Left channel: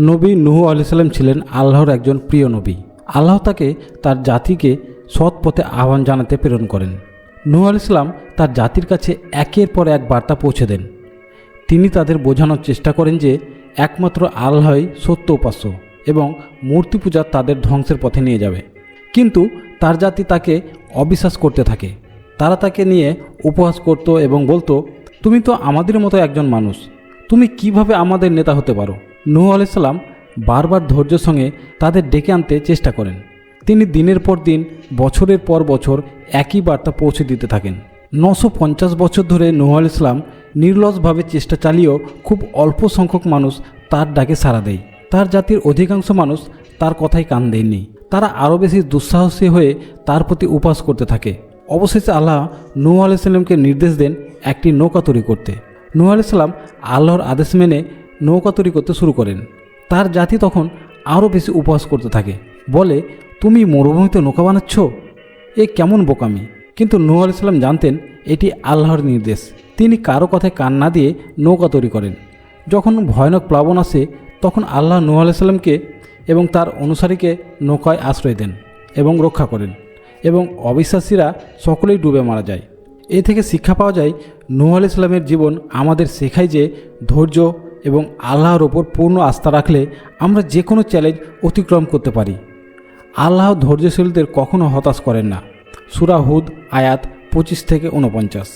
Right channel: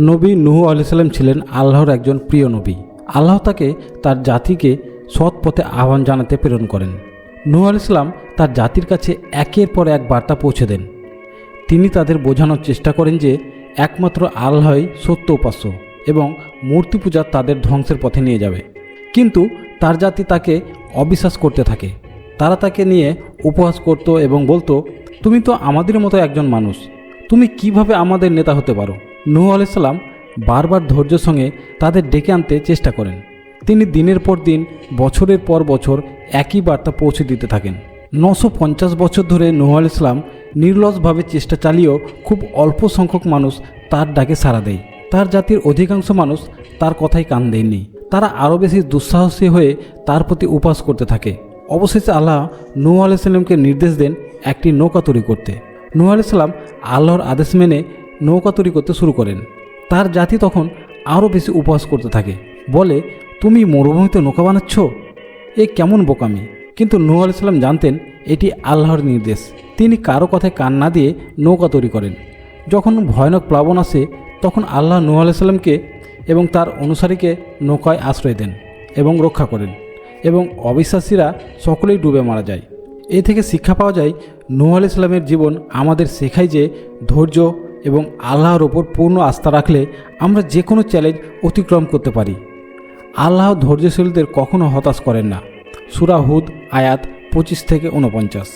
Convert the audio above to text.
নবী নূহ আলাইহিস সালাম ছিলেন আল্লাহর একজন প্রিয় নবী। আল্লাহ তাকে তার জাতিকে সৎ পথে আহ্বান জানাতে প্রেরণ করেন। নূহ আলাইহিস সালাম তার জাতির কাছে একের পর এক বার্তা পৌঁছে দেন। তিনি তাদের বোঝানোর চেষ্টা করেন যে একমাত্র আল্লাহই সত্য উপাস্য এবং মূর্তি পূজা তাদের ধ্বংসের পথে নিয়ে যাবে। কিন্তু তার জাতি তাকে অবিশ্বাস করতে থাকে। তারা তাকে নিয়ে উপহাস করত এবং বলতো, তুমি তো আমাদের মতো একজন মানুষ, তুমি কিভাবে আমাদের নেতা হতে পারো? নূহ আলাইহিস সালাম বারবার ধৈর্যের সঙ্গে তাদের ডেকে আনতে চেষ্টা করেন। তিনি দিনের পর দিন, বছরের পর বছর একই বার্তা পৌঁছে দিতে থাকেন। 950 বছর ধরে নূহ আলাইহিস সালাম নির্লসভাবে চেষ্টা চালিয়েও খুব অল্প সংখ্যক মানুষ তার ডাকে সাড়া দেয়। তার জাতির অধিকাংশ মানুষ তার কথায় কান দেয়নি। তারা আরও বেশি দুঃসাহসী হয়ে তার প্রতি উপহাস করতে থাকে। অবশেষে আল্লাহ নূহ আলাইহিস সালামকে নির্দেশ দেন একটি নৌকা তৈরি করতে। নূহ আলাইহিস সালাম আল্লাহর আদেশ মেনে নৌকা তৈরি করতে শুরু করেন। তার জাতি তখন আরও বেশি উপহাস করতে থাকে, বলে, তুমি মরুভূমিতে নৌকা বানাচ্ছ, এ কেমন বোকামি। কিন্তু নূহ আলাইহিস সালাম জানতেন এটি আল্লাহর নির্দেশ। তিনি কারো কথায় কান না দিয়ে নৌকা তৈরি করেন। যখন ভয়ানক প্লাবন আসে তখন আল্লাহ নূহ আলাইহিস সালামকে এবং তার অনুসারীকে নৌকায় আশ্রয় দেন এবং রক্ষা করেন, এবং অবিশ্বাসীরা সকলেই ডুবে মারা যায়। এই থেকে শিক্ষা পাওয়া যায়, নূহ আলাইহিস সালামের জীবন আমাদের শেখায় যে ধৈর্য এবং আল্লাহর ওপর পূর্ণ আস্থা রাখলে আমরা যে কোনো চ্যালেঞ্জ অতিক্রম করতে পারি। আল্লাহ ধৈর্যশীলদের কখনো হতাশ করেন না। সূরা হুদ আয়াত 25 থেকে 49।